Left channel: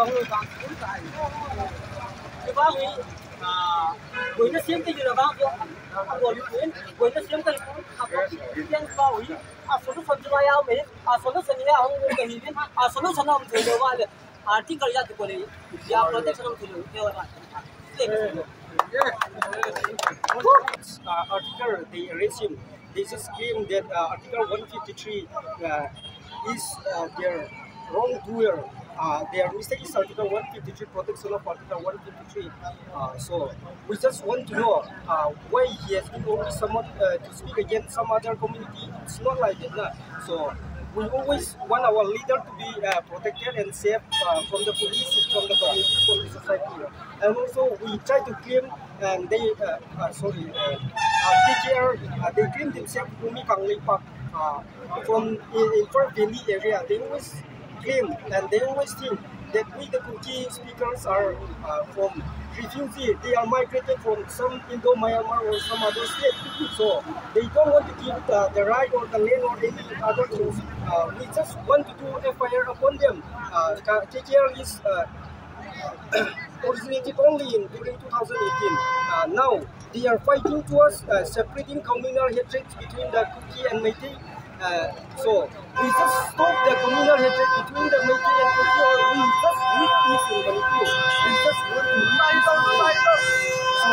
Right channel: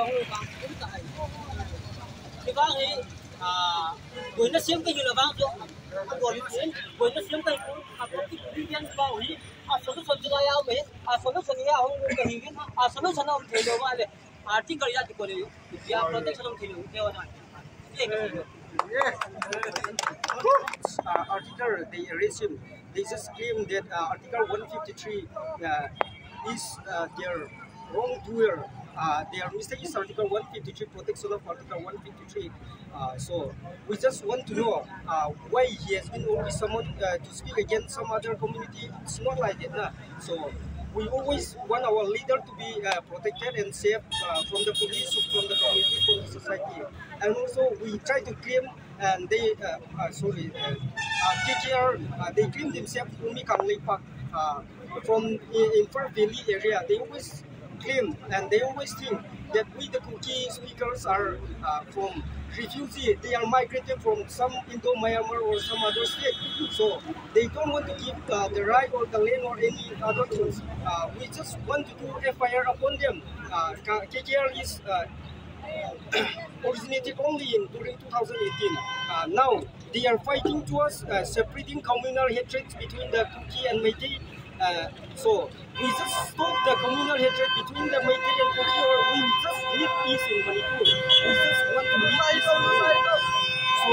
dòng rồi vàng cũng tại cái vàng ấy với nó xiêm cái gì là vàng rồi với nó xiêm cái tiền bao ấy số nó phần cho ai mấy số nó phần như nào không cái gì số nó phần nào thì đâu mà आर्थिक कर्जा को ले या protection हम खेलो क्या होता है article they resume they just claim that article 153 is their wrongdoer their mistake is article 153 protection of article 153 so we just want to know why he has been always summoned to speak against some other community. It's not like that so we always want our leader to be protected and safe from the police, from the community, from the society. And also we try to claim, and they, KKR, they claim themselves Umi Kanglei Park from in Fort Valley area. They always claim and they always think that we the Kuki speakers are from refugee. They are migrated from some Indo-Myanmar or some other state. So they don't want to give the right or the land or any other things. We just want to do FIR upon them. KKR is originated only during 2018. Now they are fighting towards separating communal hatred between the Kuki and Meitei. So we just stop the communal hatred between the Meitei and Kuki, or we just need peace in Manipur. We just want to need peace. So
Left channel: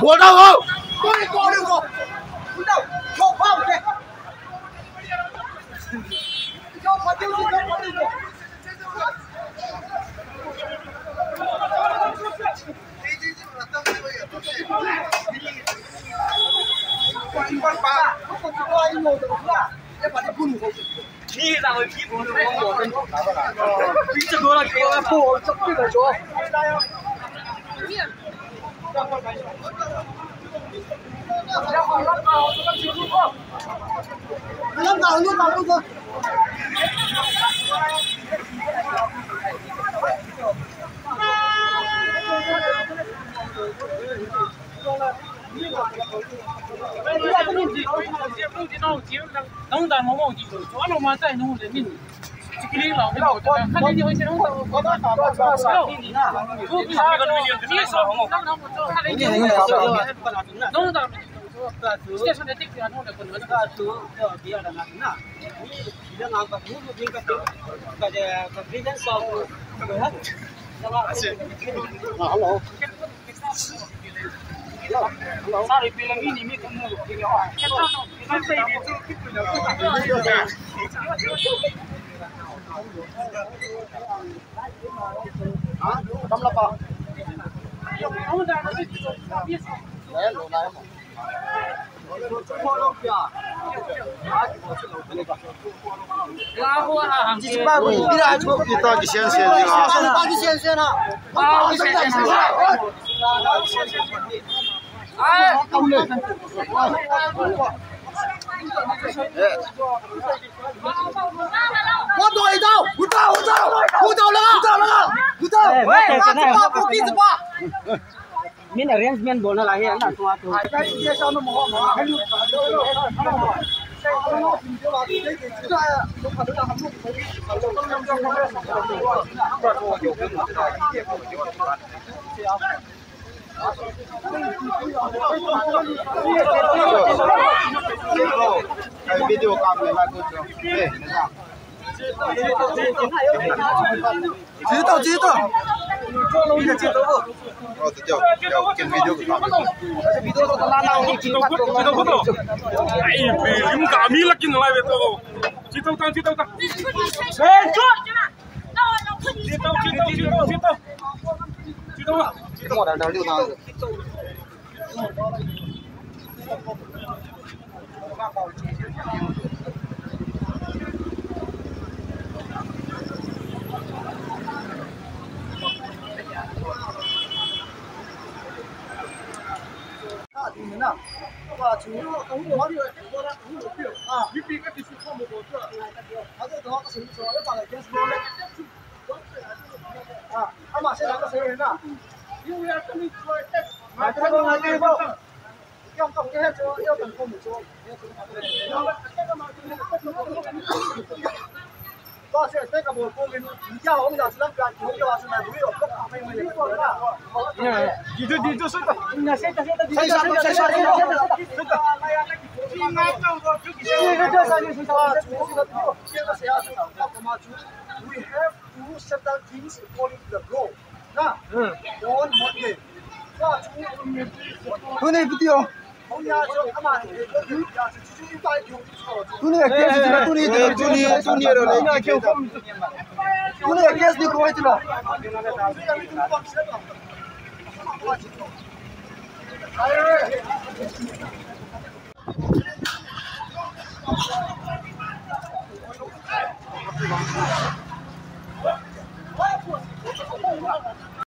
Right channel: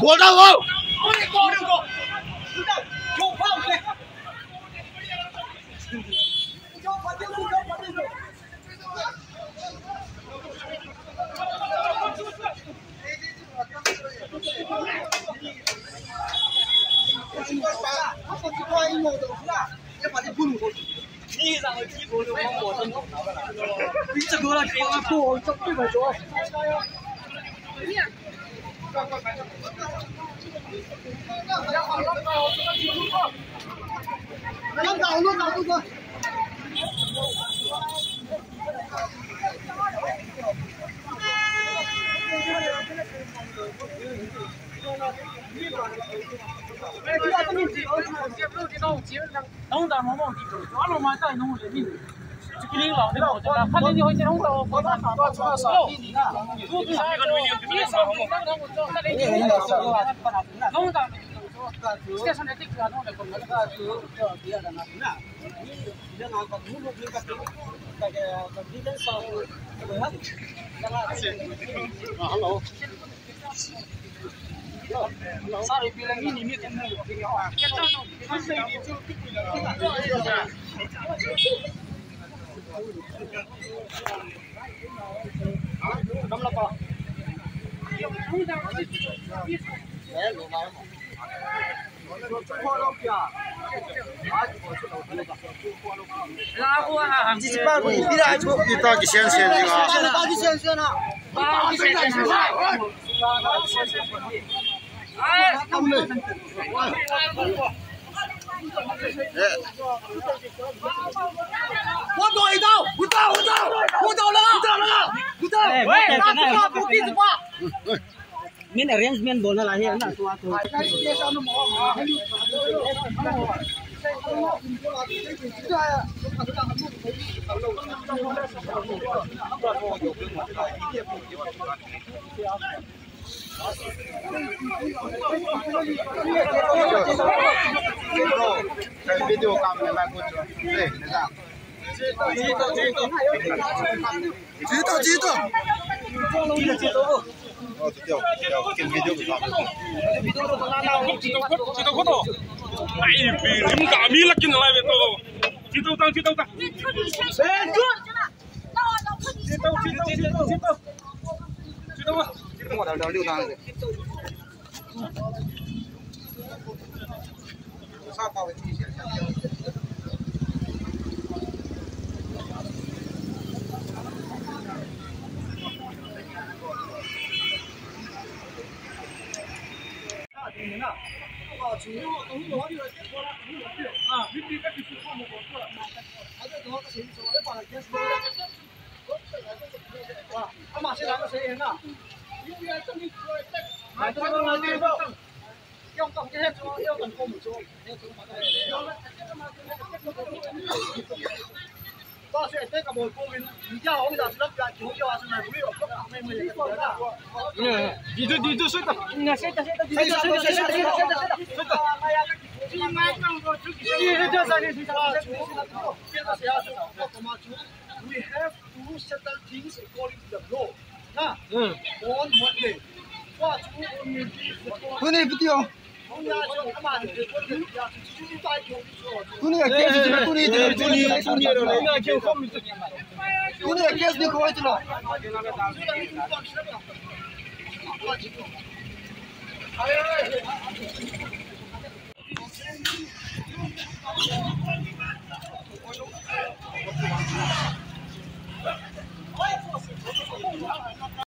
Của đâu không? đi ra ngoài kia buồn không bỏ chân đi cho tôi là cái phố trong cái chỗ农大毛毛地头，抓了嘛在农人民，这个领导对吧？看见你会先农大，我那啥，我那个农民就是那啥，我看见你农大，这上的地方农的不能干，别的那那，你这哪个不能干的，把这把别人烧，对吧？Hello. Sorry, bilang ini meeting dulu. Kamu apa? Kamu dah ada di biasa. Ya, lumayan. Min arrangement bolna lahi ana to ato video cam này video ko na lang ni kita ko to ai lim ka mi lakin lai ve to chitau tang 我在这溜达。We have to settle things according to the law. Nah, on Monday. Who need video? Who